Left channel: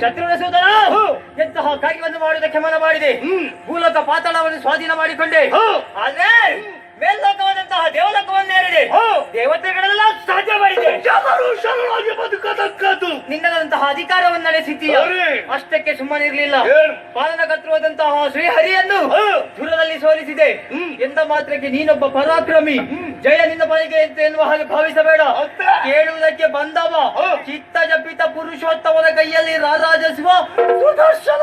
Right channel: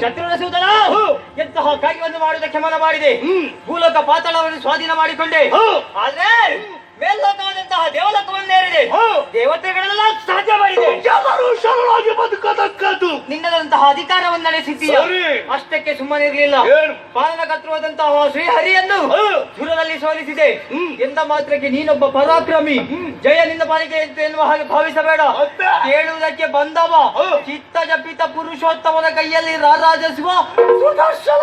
ಶತ್ರುಗಳ ಸೂದನ ಎಂತಹ ಕಾರ್ಯವನ್ನು ಮಾಡುವುದಕ್ಕೆ ಮನ ಮಾಡಿದೆ ಭೂಲೋಕ ಪಾತಾಳವನ್ನು ಸ್ವಾಧೀನ ಮಾಡಿಕೊಂಡೆ. ಆದ್ರೆ ಮೇಲ್ಲೋಕವಾದಂತಹ ದೇವಲೋಕವನ್ನೇರಿದೆ ದೇವತೆಗಳೆಲ್ಲ ಮಾಡಿದೆ ಜನರು ಶರಣಾಗಿ ಬದುಕತಕ್ಕದ್ದು. ನಿನ್ನದಂತಹ ಅಧಿಕಾರವನ್ನು ನಡೆಸಿದ್ದೀಯ. ಅಷ್ಟಕ್ಕೆ ಸುಮ್ಮನೆ ಇರಲಿಲ್ಲ. ಏನು? ಪಾಲನಕರ್ತೃವಾದಂತಹ ಶ್ರೀಹರಿಯನ್ನು ಸುರನಲ್ಲಿ ಸೋಲಿಸಿದೆ. ಎಂದ ಮಾತ್ರಕ್ಕೆ ನೀನೊಬ್ಬ ಪರಾಕ್ರಮಿ. ಜಯ ನಿನ್ನ ಪಾಲಿಗೆ ಎನ್ನುವ ಹಾಗೆ ಭಾವಿಸಬೇಡ? ಕೇಳುವುದಕ್ಕೆ ಬಂದವ. ಚಿತ್ತ ಜಪಿತ ಪುರುಷೋತ್ತಮನ ಕೈಯಲ್ಲಿ ರಾರಾಜಿಸುವ ಸುದರ್ಶನ.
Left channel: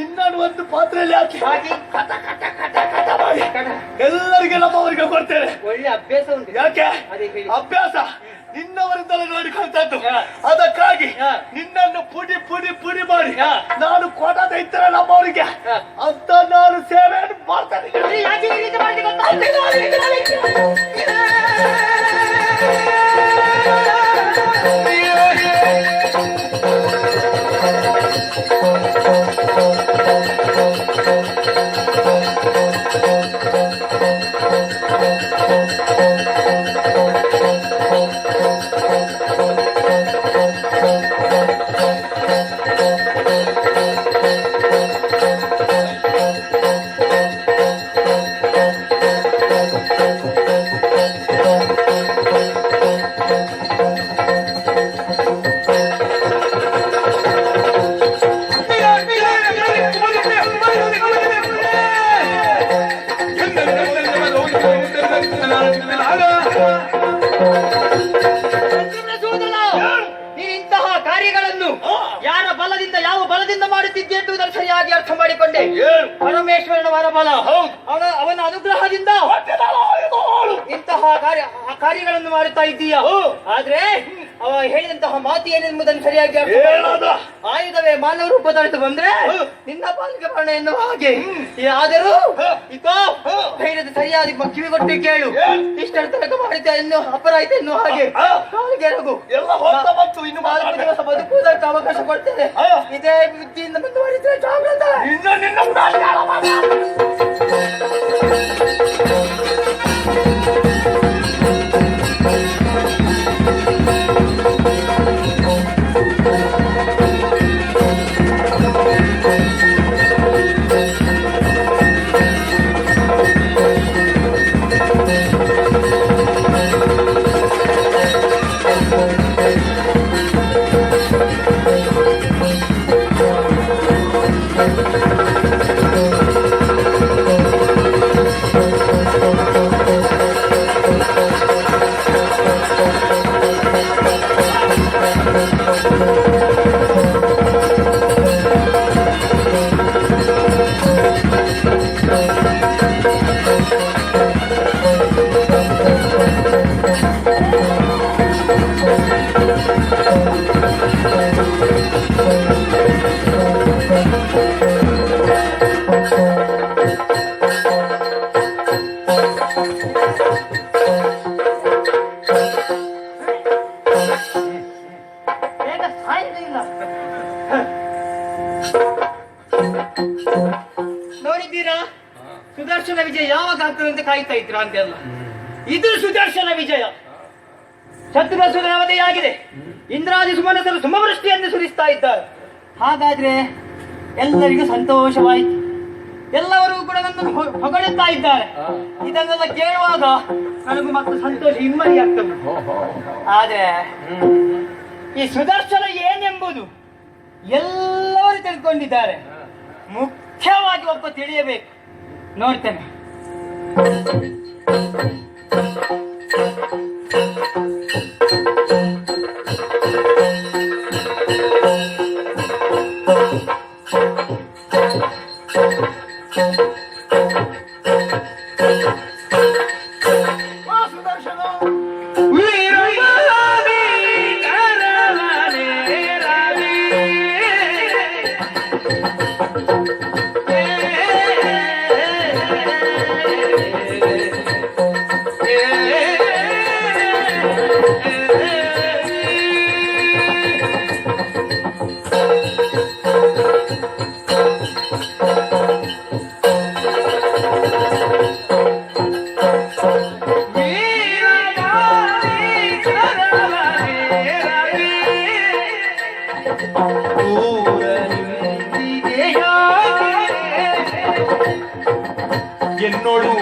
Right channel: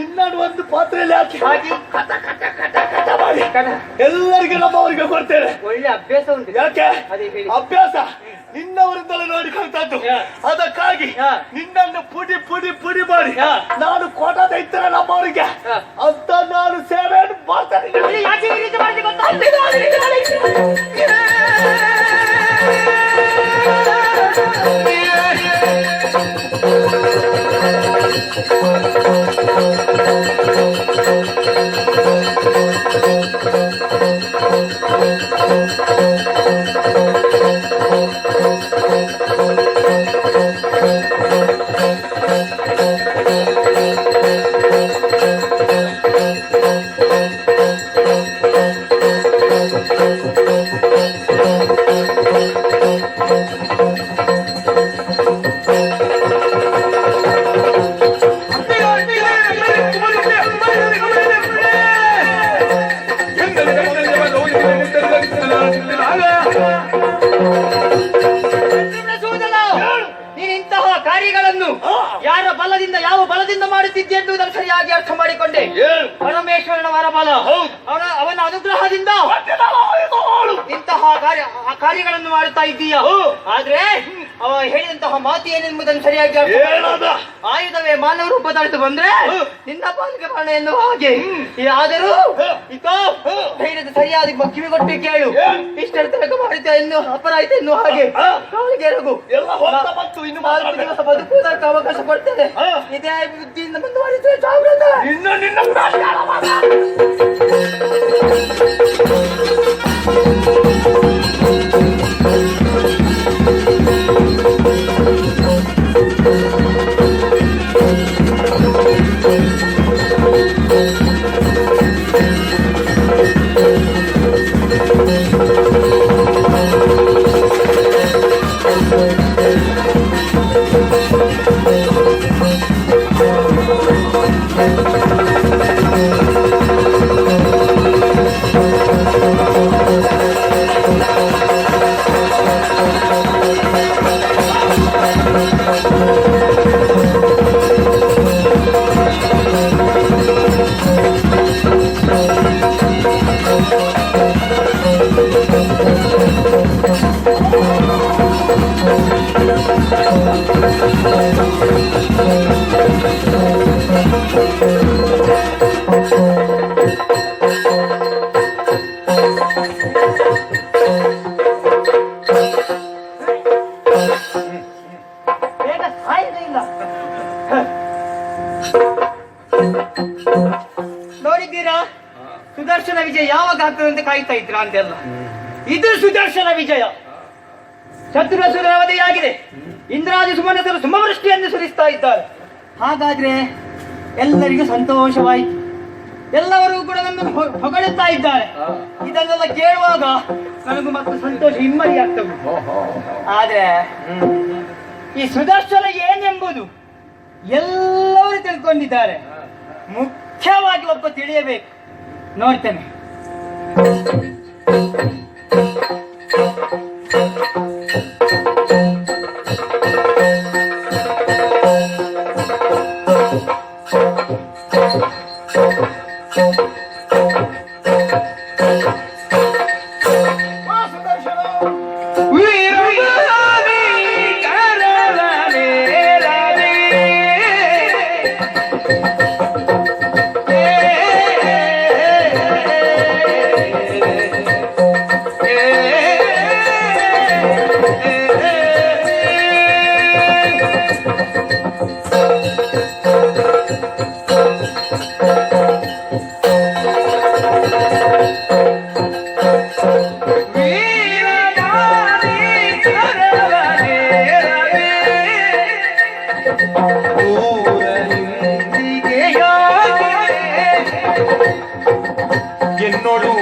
ನಿನ್ನನ್ನು ಒಂದು ಪಾತ್ರೆಯಲ್ಲಿ ಹಾಕಿ. ಹಾಕಿ ಕಟ ಕಟ ಕಟ ಕಟ ಮಾಡಿ. ಎಲ್ಲರಿಗೆ ನಮ್ಮವರಿಗೆ ಕೊಡ್ತೇನೆ. ಒಳ್ಳೆ ಅಭ್ಯಾಸ ಉಂಟು. ಯಾಕೆ? ಅದೇ ಹೇಳಿ. ಅಭ್ಯಾಸ. ನಿನ್ನವರಿಂದಲೇ ನೋಡಿ ಕಲಿತದ್ದು ಅದಕ್ಕಾಗಿ. ನಿನ್ನನ್ನು ಪುಡಿ ಪುಡಿ ಪುಡಿ ಮಾಡಿ. ನಾನು ಕೋಟದ ಇದ್ದರೆ ನಮ್ಮವರಿಗೆ ಅಂತ ನಾನು ಸೇವೆ ಮಾಡ್ತೇನೆ. thank ಬಲದಿಂದ ಎಂದು ನಾನು ಸರಿಯಾಗಿ ಅರ್ಥ ಮಾಡಿಕೊಂಡೆ? ಪರಮೇಶ್ವರನ ವರಬಲ. ಅವನ ಅವನ ಅನುಗ್ರಹದಿಂದ. ಇಂತಹ ಕಾರ್ಯ ಕಾರ್ಯಗಳನ್ನು ಮಾಡುತ್ತಾ ಇದ್ದೀಯ. ಆದ್ರೆ ಹೇಳಿದಂತಹ ಮಾತು ಏನೆಂಬುದನ್ನು ಸರಿಯಾಗಿ? ಆಯುಧವೇ ಮಾನವ ರೂಪ ತಳೆದು ಬಂದ್ರೆ ನಿನ್ನ ಪಾಲಿಗೆ ಮರಣ ಎನ್ನುವ ಹಾಗೆ. ಆದರೂ ಧೈರ್ಯದ ಸರಿಯಾದ ಕಿವಿ ಕೊಟ್ಟು ಕೇಳು. ಇಷ್ಟರ ತನಕ ಮಾಡಿದ ಎನ್ನು ಅಪರಾಧ ಎನ್ನುವ ಹಾಗೆ. ಕಾಲಿಗೆ ರಘು ನಾಲ್ಕು. ದಿವಸ ಬದುಕುವುದಕ್ಕೆ ಅವಕಾಶ ಕೊಡ್ತೇನೆ. ಇದೇ ಬುದ್ಧಿಯಿಂದ ಮುಂದುವರಿದ್ರೆ ಜಾಗ್ರತ. ಸುದರ್ಶನ ವಿಜಯ ಯಾವಾಗ ಆಗ್ತದೆ ಅಂತ ಕಾಯ್ತಾ ಇದ್ರ ಅಂತೆಲ್ಲ ಇದು ಸುದರ್ಶನ ವಿಜಯ. ಶತ್ರು ಸುಧಾವಧೆಯಾಗಿದೆ ಇಂದ್ರಾದಿ ಸುಮನಸರು ಸುಮವೃಷ್ಟಿಯನ್ನು ಸುರಿಸ್ತಾ ಇದ್ದಾರೆ. ಹಾಗಾದ್ರೆ ಎಲ್ಲರಿಗೂ ಸಂತೋಷವಾಯಿತು. ಎಲ್ಲವರಿಗೂ ಕೂಡ ನನ್ನನ್ನು ಹೊಗಳುತ್ತಾ ಇದ್ದಾರೆ. ಇದನ್ನೆಲ್ಲ ಕೇಳುವಾಗ ನನಗೂ ಮತ್ತೆ ಸಂತೋಷ ಹಿಮ್ಮಡಿ ಆಗ್ತದೆ. ಆದ್ರೆ ಈ ಸುದರ್ಶನ ಏನೆಂಬುದು ಎಲ್ಲರೂ ತಿಳ್ಕೊಂಡಿದ್ದಾರೆ. ಮುಖ್ಯವಾಗಿ ಒಬ್ಬ ತಿಳಿಯಬೇಕು. ನೋಡ್ತೇನೆ.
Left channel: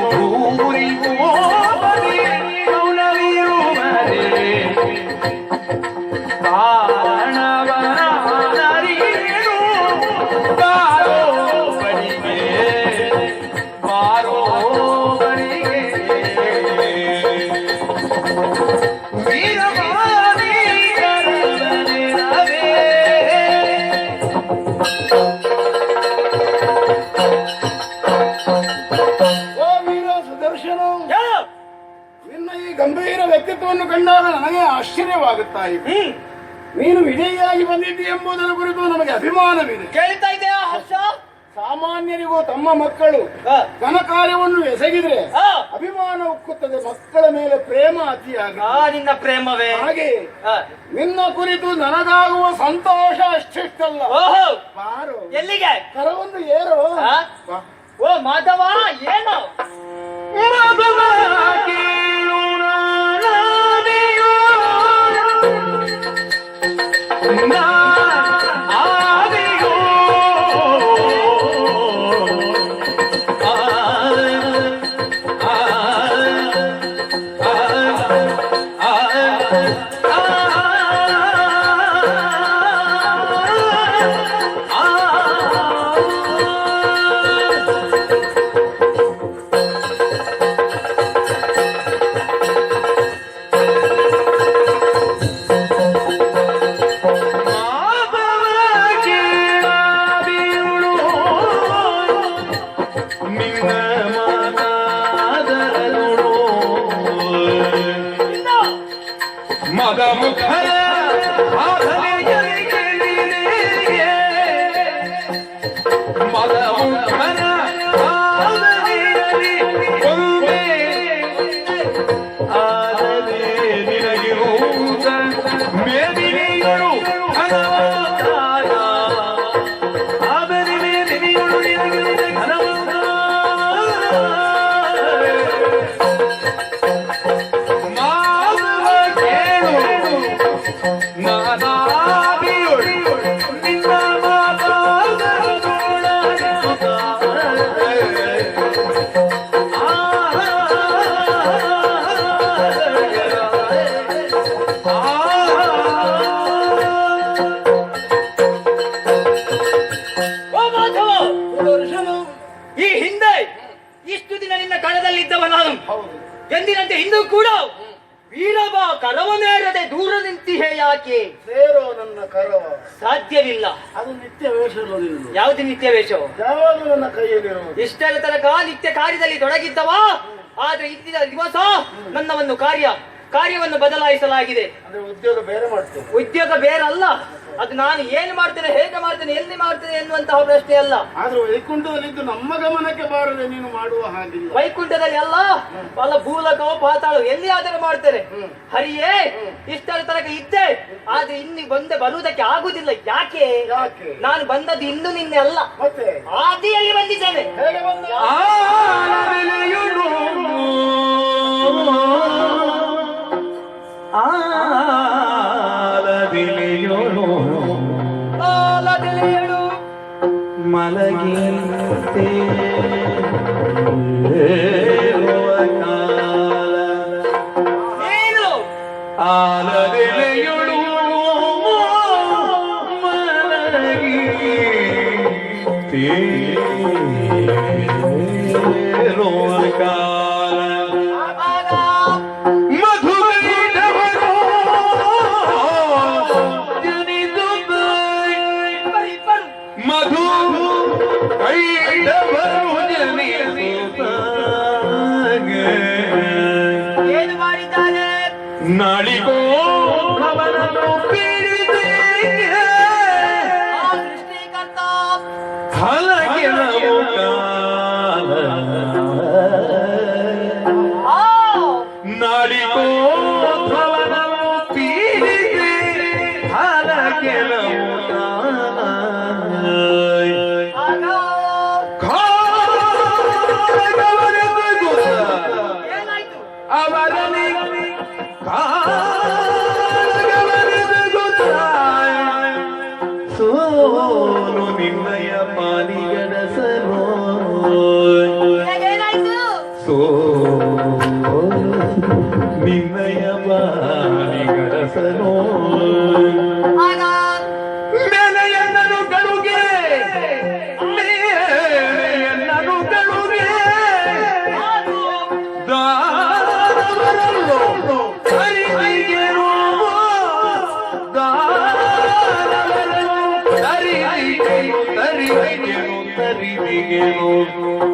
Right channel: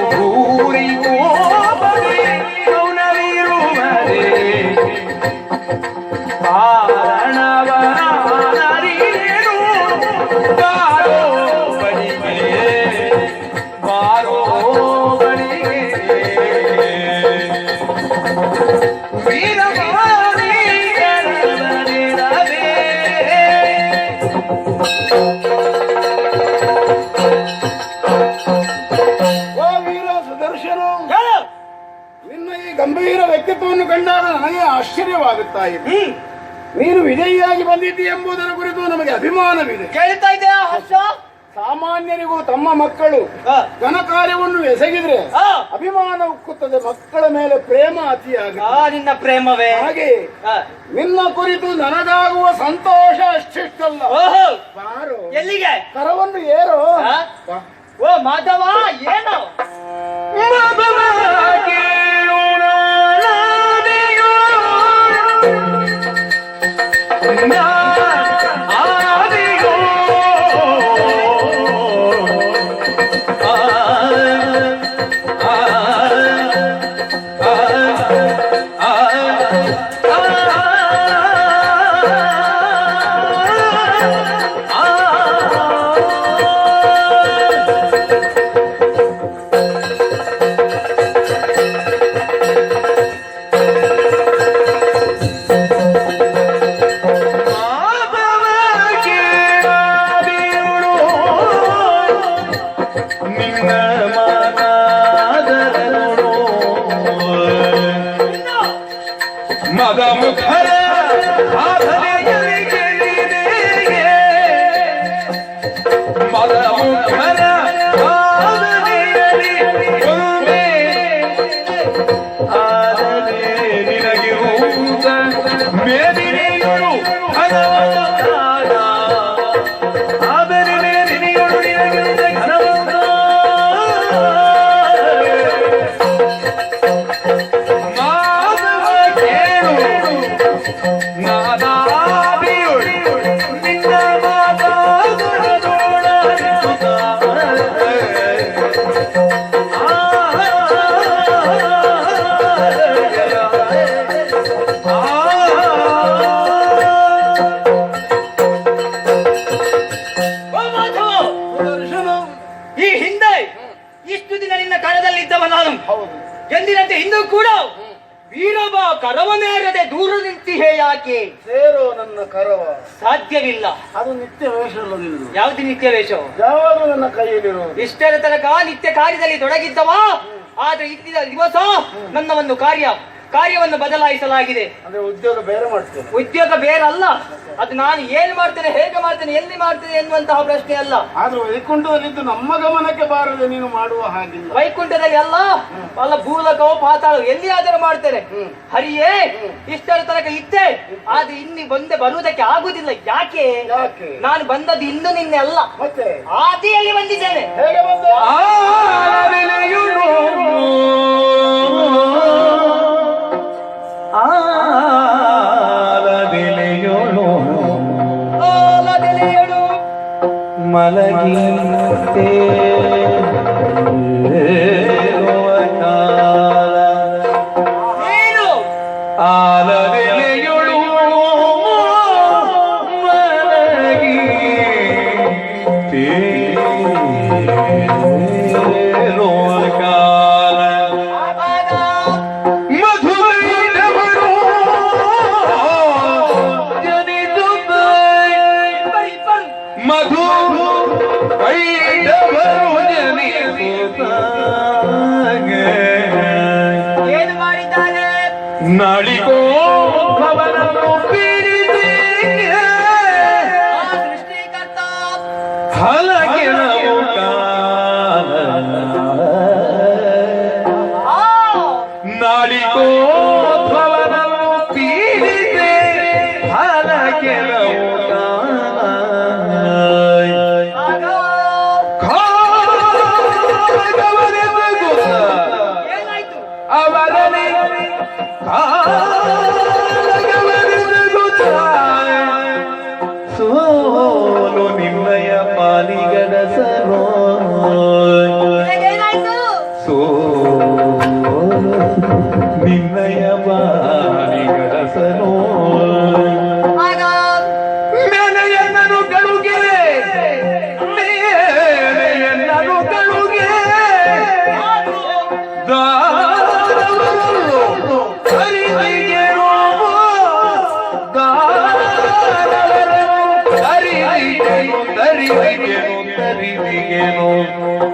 Oh. ಅಭಿಮಾನವಿದೆ. ಕೇಳ್ತಾ ಇದೆಯಾ ಹರ್ಷ? ಸಾಮಾನ್ಯರಿಗೂ ತಮ್ಮ ಮಕ್ಕಳು ಘನ ಕಾರ್ಯವನ್ನು ಎಸಗಿದ್ರೆ ಅಭಿಮಾನ ಉಕ್ಕುತ್ತದೆ ಮಕ್ಕಳ ಮೇಲೆ ಪ್ರೇಮ ಅತಿಯಾಗ ನಿನ್ನ ಪ್ರೇಮವೇ. ಹಾಗೆ ನಿನ್ನ ಕುರಿತು ನನಗಾಗುವ ಸಂತೋಷ ಅಷ್ಟಿಷ್ಟಲ್ಲ. ಬಾರು. ಎಲ್ಲಿಗೆ? ಕರವನ್ನು ಏರು. ಓ ಮಾಧವ ಏನು? ಮಾಧವ ಹೌದು. ಎಂದಿನಂತೆ ಇಂದು ಕೂಡ ವೀರಬ ಕರವನೇರದೆ ದೂರ ನಿಂತಿಹೇ ಯಾಕೆ? ಸೇರೋ ನನ್ನ ಕರವ. ಸಾಧ್ಯವಿಲ್ಲ. ಅದು ನಿತ್ಯ ವೇಷ ಯಾವ್ದು ಯಾವುದು ನಿತ್ಯ ವೇಷ ಯಾವಾಗ ನನ್ನ ಕೈಯಲ್ಲಿರೋ ಇಷ್ಟರ ತನಕ ನಿತ್ಯ ಕಾರ್ಯದಲ್ಲಿ ತೊಡಗಿದ್ದವ. ಆದ್ರೆ ಇದ್ದಿದ ದಿವಸ ನನ್ನ ಒಂದು ಕಾರ್ಯ ಕಾರ್ಯವನ್ನು ಬದಲಾಯಿಸಲಾಗಿದೆ. ಅಂದ್ರೆ ಉದ್ಯೋಗ ಬೇರೆ ಮಾಡ್ತೇನೆ ಉದ್ಯೋಗ ಬೇರಲ್ಲ ಅದು ನಾನು ಏನ್ ಮಾಡ್ತೇನೆ ಹೇಗೆ ಮಾಡ್ತೇನೆ ಎಲ್ಲಿ ಮಾಡ್ತೇನೆ ಎನ್ನುವಂತಹ ಪ್ರಶ್ನೆ ಅಲ್ಲ. ಆದ್ರೂ ವೈಕುಂಠದಲ್ಲಿ ನಮ್ಮ ಗಮನಕ್ಕೆ ಬಾರದೆ ನೀನು ಮಾಡುವ ಹಾಗೆ ವೈಕುಂಠದಲ್ಲಿ ಅಲ್ಲ. ಅಲ್ಲ ಭೂಲಕವೋ ಪಾತಾಳ ಆದರೂ ಮಾಡ್ತೇನೆ. ಹರಿಯೇ ಇಷ್ಟರ ತನಕ ಇದ್ದೆ. ಆದ್ರೆ ಇನ್ನಿ ಬಂದೆ ಬರುವುದಕ್ಕೆ ಆಗುದಿಲ್ಲ. ಯಾಕೆ? ಯಾಕೆ? ನಾನು ಬಂದದ್ದು ಇನ್ನು ನಿನ್ನೆ ಅಲ್ಲ. ಮತ್ತೆ? ಆದಿಯಲ್ಲಿ ಬಂದಿದ್ದೇನೆ. ಹೇಗೆ ಬಂದ? right. ಸೋಲು ನಿನ್ನಯ ಪಾಲಿಗಡಸರೋ ಏನಾಯ್ತು Amen.